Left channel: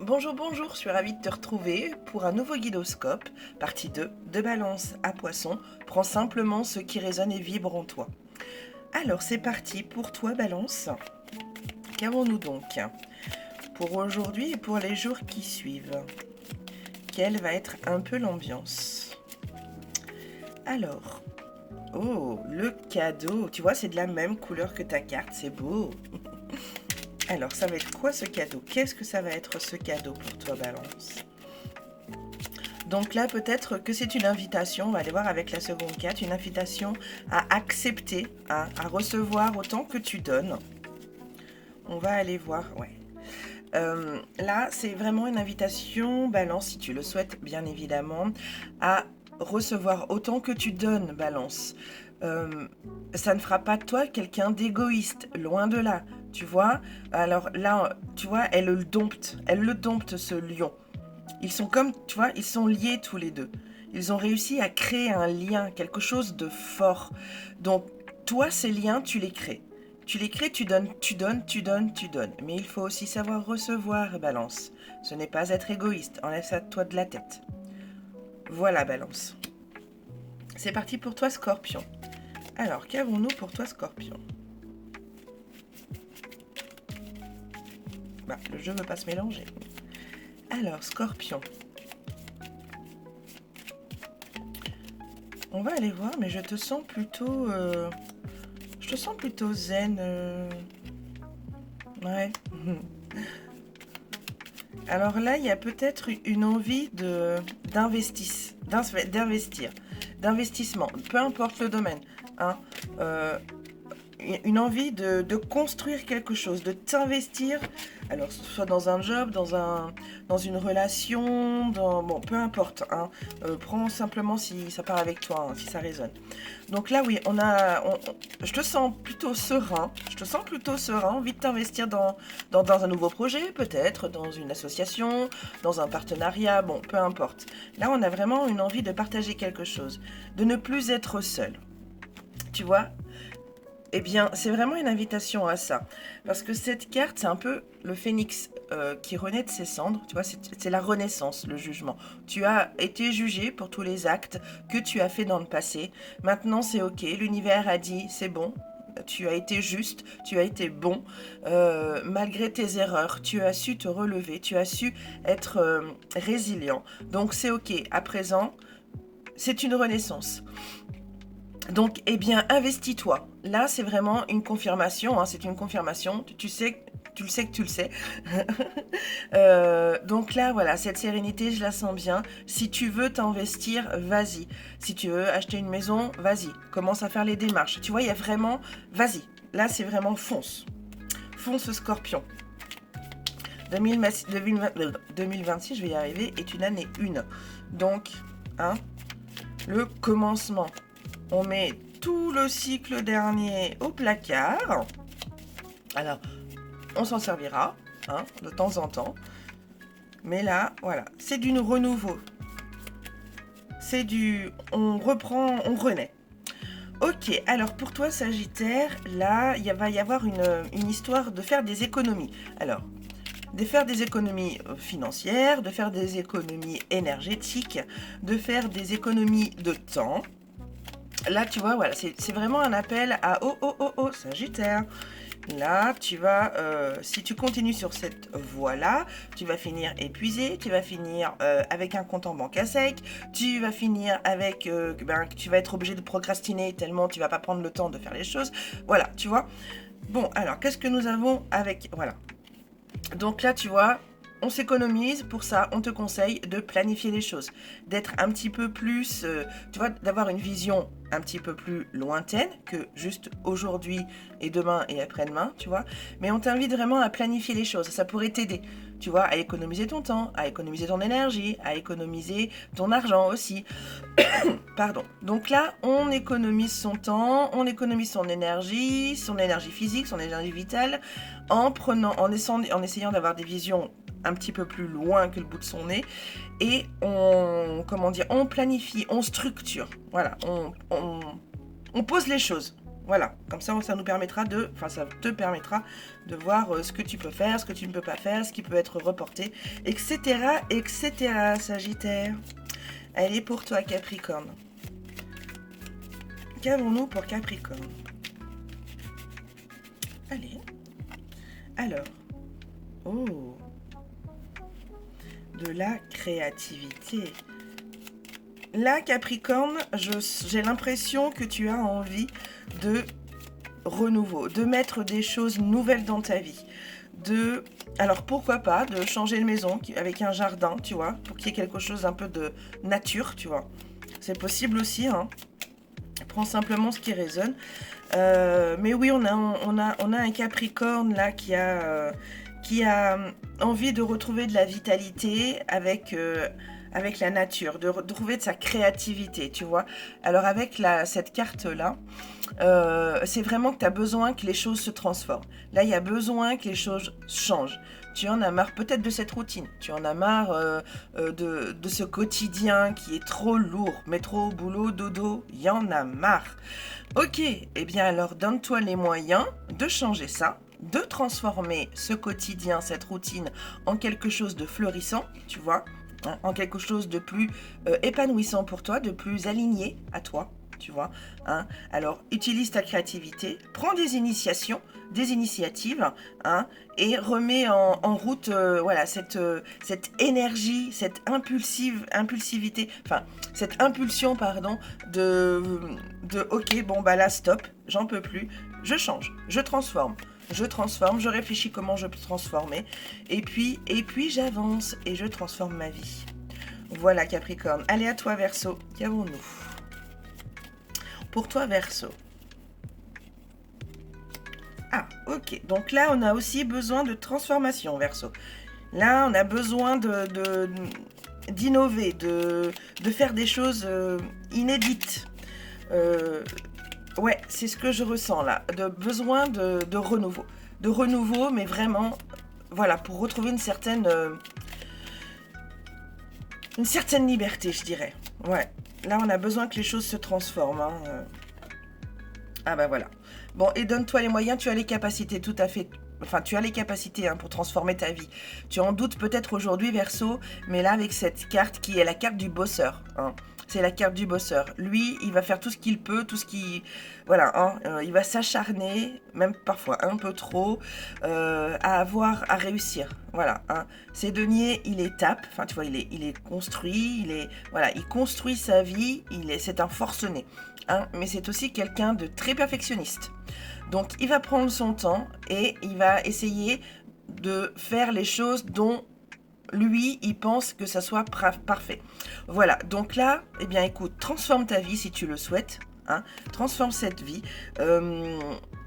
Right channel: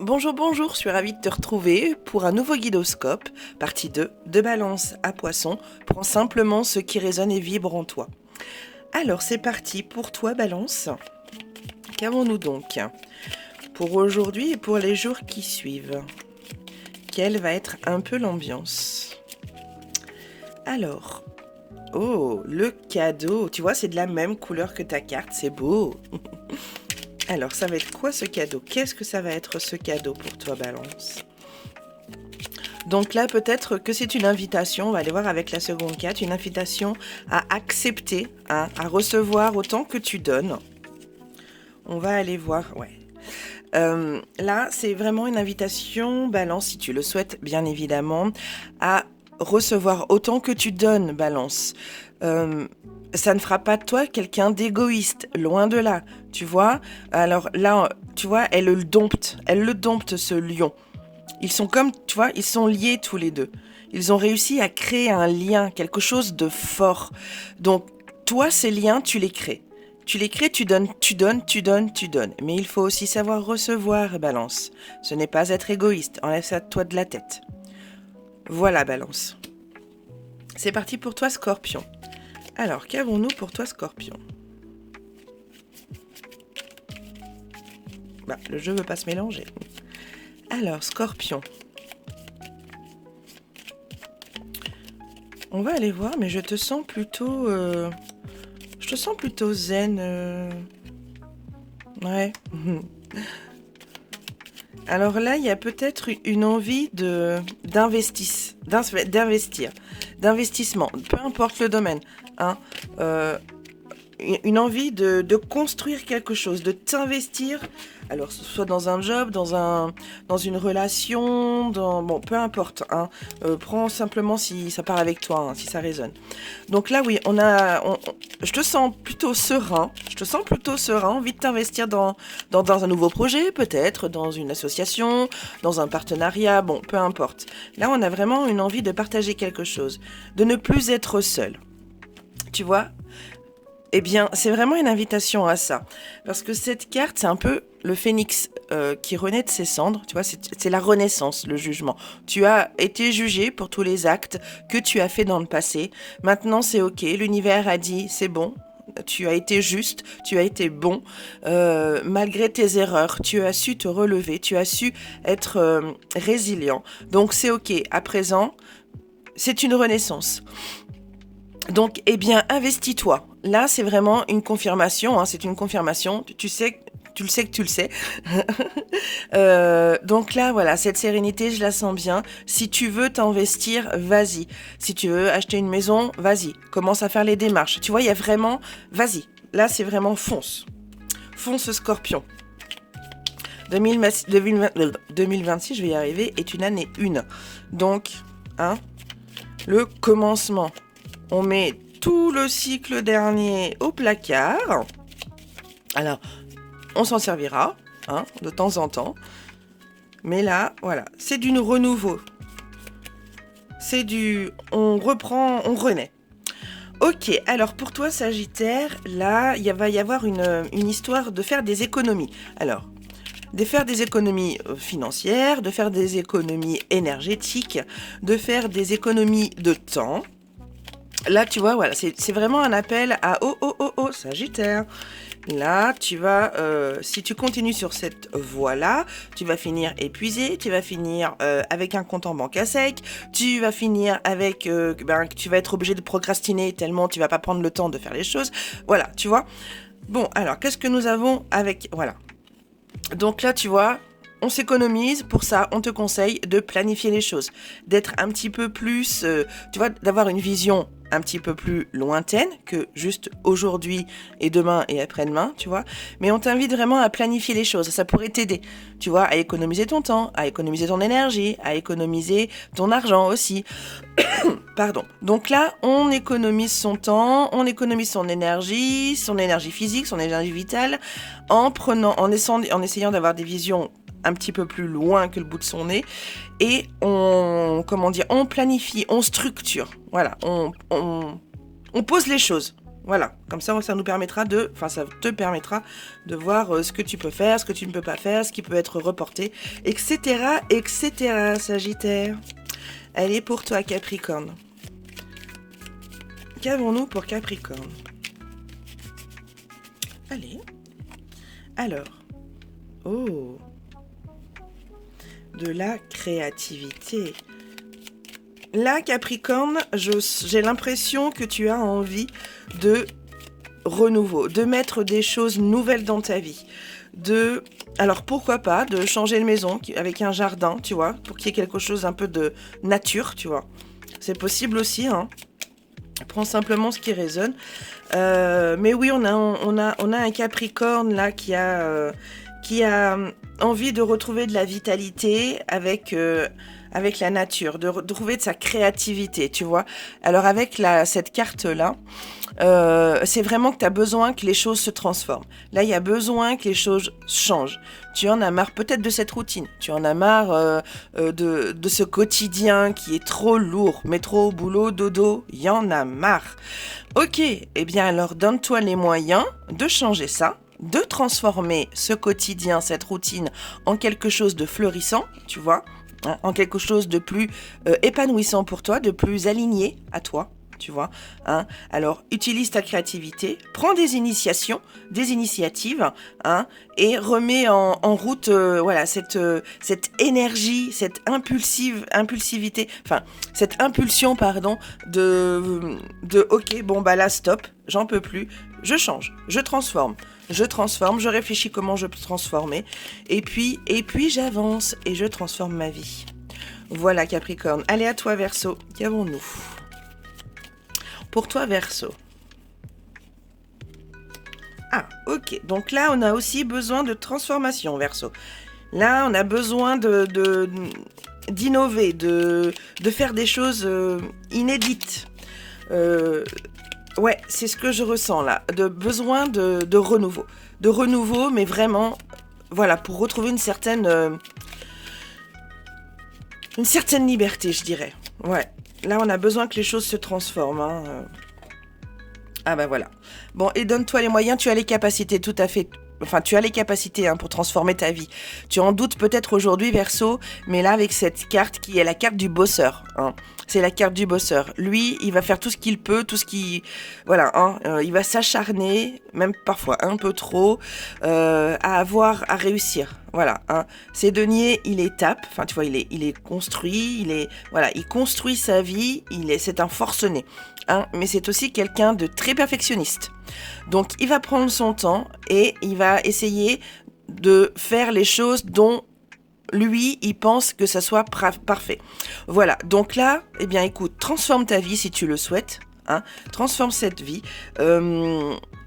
Bonjour, bonjour, je suis ravie de te retrouver pour un nouveau guidoscope, partie 2, de Balance à Poisson. Prends simplement ce qui résonne et vibre en toi. Alors c'est parti pour toi Balance. Qu'avons-nous donc pour aujourd'hui et pour les jours qui suivent? Quelle va être un peu l'ambiance? Alors, oh, le cadeau, tu vois c'est de la même couleur que ta carte, c'est beau. Alors, ça va être quoi ce cadeau? Qu'est-ce que ça va être ce cadeau pour toi, Balance? Donc là, peut-être que c'est une invitation, on va aller voir avec la seconde carte, une invitation à accepter, hein, à recevoir autant que tu donnes. On va aller voir, ouais. Là, c'est vraiment une invitation, Balance, si tu le souhaites, bien évidemment, à recevoir autant que tu donnes, Balance. Ça ne fera pas de toi quelqu'un d'égoïste, loin de là, tu vois. Alors là, tu vois, elle le dompte ce lion. Ils sont comme, tu vois, ils sont liés tous les deux. Ils ont réussi à créer un lien, quelque chose de fort. Donc, toi, ces liens, tu les crées. Tu les crées, tu donnes, tu donnes, tu donnes, tu donnes. Mais il faut aussi savoir recevoir, Balance. Ce n'est pas être égoïste, enlève ça de toi de la tête. Voilà, Balance. C'est parti pour toi, Scorpion. Alors, qu'avons-nous pour toi, Scorpion? Bah, le jeu ne veut pas se mélanger. Alors, Scorpion. On va aller voir, mais je te sens plutôt... Je te sens plutôt zen. Ouais. Alors là, il y a peut-être une envie d'investissement, peu importe le domaine. Hein. Une envie de construire quelque chose, de t'investir, alors soit dans un job, dans une relation, bon, peu importe. Hein. Prends simplement si ça part avec toi, hein, si ça résonne. Donc là, oui, je te sens plutôt serein. Envie de t'investir dans un nouveau projet, peut-être, dans une association, dans un partenariat, bon, peu importe. Là, on a vraiment une envie de partager quelque chose, de ne plus être seul. Tu vois ? Eh bien, c'est vraiment une invitation à ça. Parce que cette carte, c'est un peu le phénix qui renaît de ses cendres. Tu vois, c'est la renaissance, le jugement. Tu as été jugé pour tous les actes que tu as fait dans le passé. Maintenant, c'est OK. L'univers a dit, c'est bon. Tu as été juste, tu as été bon. Malgré tes erreurs, tu as su te relever. Tu as su être résilient. Donc, c'est OK. À présent, c'est une renaissance. Donc, eh bien, investis-toi. Là, c'est vraiment une confirmation. Hein, c'est une confirmation. Tu le sais. Donc là, voilà, cette sérénité, je la sens bien. Si tu veux t'investir, vas-y. Si tu veux acheter une maison, vas-y. Commence à faire les démarches. Tu vois, il y a vraiment... Vas-y. Là, c'est vraiment fonce. Fonce, Scorpion. 2026, je vais y arriver, est une année 1. Donc, hein, le commencement. On met tout le cycle dernier au placard. Alors, on s'en servira, hein, de temps en temps. Mais là, voilà, c'est du renouveau. On reprend, on renaît. Ok, alors pour toi, Sagittaire, là, va y avoir une histoire de faire des économies. Alors, de faire des économies financières, de faire des économies énergétiques, de faire des économies de temps. Là, tu vois, voilà, c'est vraiment un appel à oh, Sagittaire. Là, tu vas, si tu continues sur cette voie-là, tu vas finir épuisé, tu vas finir avec un compte en banque à sec, tu vas finir avec, tu vas être obligé de procrastiner tellement tu vas pas prendre le temps de faire les choses. Voilà, tu vois. Bon, alors, qu'est-ce que nous avons avec... Voilà. Donc là, tu vois... On s'économise, pour ça, on te conseille de planifier les choses, d'être un petit peu plus, tu vois, d'avoir une vision un petit peu plus lointaine que juste aujourd'hui et demain et après-demain, tu vois. Mais on t'invite vraiment à planifier les choses, ça pourrait t'aider, tu vois, à économiser ton temps, à économiser ton énergie, à économiser ton argent aussi. Pardon. Donc là, on économise son temps, on économise son énergie physique, son énergie vitale, en essayant d'avoir des visions un petit peu plus loin que le bout de son nez et on planifie, on structure, voilà, on pose les choses. Voilà, comme ça nous permettra ça te permettra de voir ce que tu peux faire, ce que tu ne peux pas faire, ce qui peut être reporté, etc., etc., Sagittaire. Elle est pour toi, Capricorne. Qu'avons-nous pour Capricorne? Allez. Alors. Oh. De la créativité. Là, Capricorne, j'ai l'impression que tu as envie de renouveau, de mettre des choses nouvelles dans ta vie. Alors pourquoi pas, de changer de maison avec un jardin, tu vois, pour qu'il y ait quelque chose un peu de nature, tu vois. C'est possible aussi, hein. Prends simplement ce qui résonne. Mais oui, on a un Capricorne là qui a envie de retrouver de la vitalité avec la nature, de retrouver de sa créativité, tu vois. Alors avec cette carte-là, c'est vraiment que tu as besoin que les choses se transforment. Là, il y a besoin que les choses changent. Tu en as marre peut-être de cette routine. Tu en as marre de ce quotidien qui est trop lourd. Métro, boulot, dodo, il y en a marre. Ok, eh bien alors donne-toi les moyens de changer ça, de transformer ce quotidien, cette routine, en quelque chose de fleurissant, tu vois, hein, en quelque chose de plus épanouissant pour toi, de plus aligné à toi, tu vois. Hein. Alors, utilise ta créativité, prends des initiatives, hein, et remets en route voilà, cette énergie, cette impulsivité, enfin, cette impulsion, pardon, de ok, bon, bah là, stop, j'en peux plus, je change, je transforme, je réfléchis comment je peux transformer, et puis j'avance et je transforme ma vie. Voilà, Capricorne. Allez, à toi, Verseau. Qu'avons-nous pour toi, Verseau? Ah, ok. Donc là, on a aussi besoin de transformation, Verseau. Là, on a besoin d'innover, de faire des choses inédites. Ouais, c'est ce que je ressens là. Besoin de renouveau. De renouveau, mais vraiment, voilà, pour retrouver une certaine liberté, je dirais. Ouais. Là, on a besoin que les choses se transforment. Hein. Ah bah voilà. Bon, et donne-toi les moyens, tu as les capacités tout à fait. Enfin, tu as les capacités hein, pour transformer ta vie. Tu en doutes peut-être aujourd'hui, Verseau, mais là, avec cette carte qui est la carte du bosseur. Hein. C'est la carte du bosseur. Lui, il va faire tout ce qu'il peut, tout ce qui... Voilà, hein, il va s'acharner, même parfois un peu trop, à réussir. Voilà, hein. C'est denier, il est tape. Enfin, tu vois, il est construit, il construit sa vie, c'est un forcené. Hein, mais c'est aussi quelqu'un de très perfectionniste. Donc, il va prendre son temps et il va essayer de faire les choses dont lui, il pense que ça soit parfait. Voilà, donc là, eh bien, écoute, transforme ta vie si tu le souhaites. Hein, transforme cette vie.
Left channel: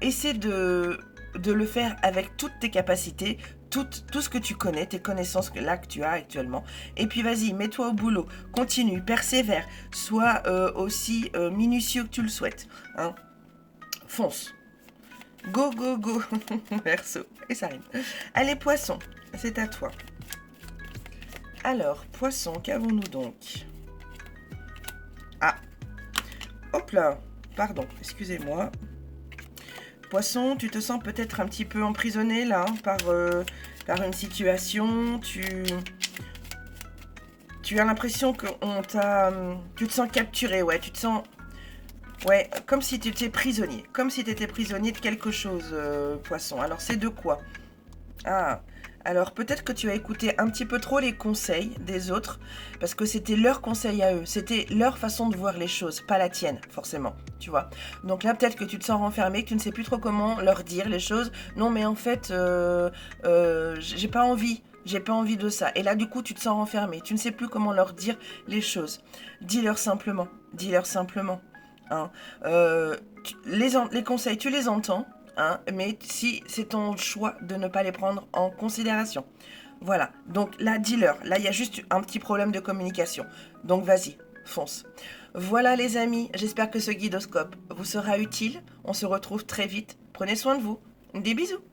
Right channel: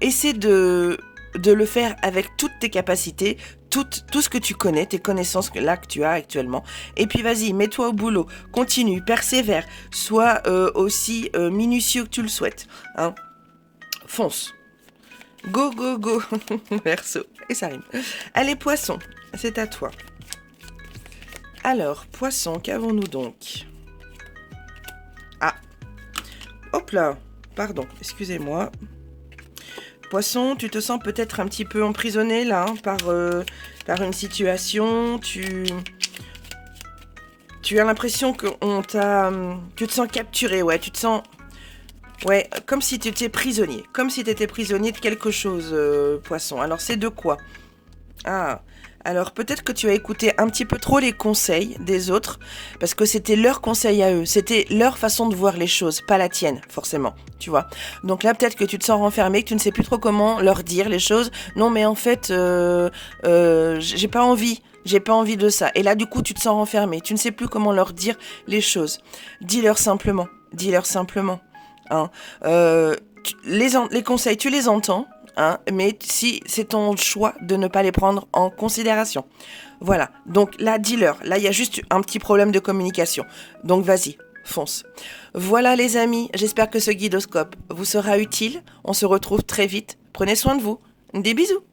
Essaie de le faire avec toutes tes capacités, tout ce que tu connais, tes connaissances que tu as actuellement. Et puis vas-y, mets-toi au boulot, continue, persévère, sois aussi minutieux que tu le souhaites. Hein. Fonce. Go, go, go. Verseau. Et ça rime. Allez, Poisson, c'est à toi. Alors, Poisson, qu'avons-nous donc? Ah. Hop là. Pardon, excusez-moi. Poisson, tu te sens peut-être un petit peu emprisonné là hein, par une situation. Tu as l'impression que tu te sens capturé, ouais, tu te sens... Ouais, comme si tu étais prisonnier. Comme si tu étais prisonnier de quelque chose, Poisson. Alors, c'est de quoi? Ah, alors peut-être que tu as écouté un petit peu trop les conseils des autres, parce que c'était leurs conseils à eux, c'était leur façon de voir les choses, pas la tienne, forcément, tu vois. Donc là, peut-être que tu te sens renfermé, que tu ne sais plus trop comment leur dire les choses. Non, mais en fait, j'ai pas envie de ça. Et là, du coup, tu te sens renfermé, tu ne sais plus comment leur dire les choses. Dis-leur simplement. Hein. Les conseils, tu les entends. Hein, mais si c'est ton choix de ne pas les prendre en considération. Voilà, donc là, dis-leur. Là, il y a juste un petit problème de communication. Donc vas-y, fonce. Voilà les amis, j'espère que ce guidoscope vous sera utile. On se retrouve très vite. Prenez soin de vous. Des bisous.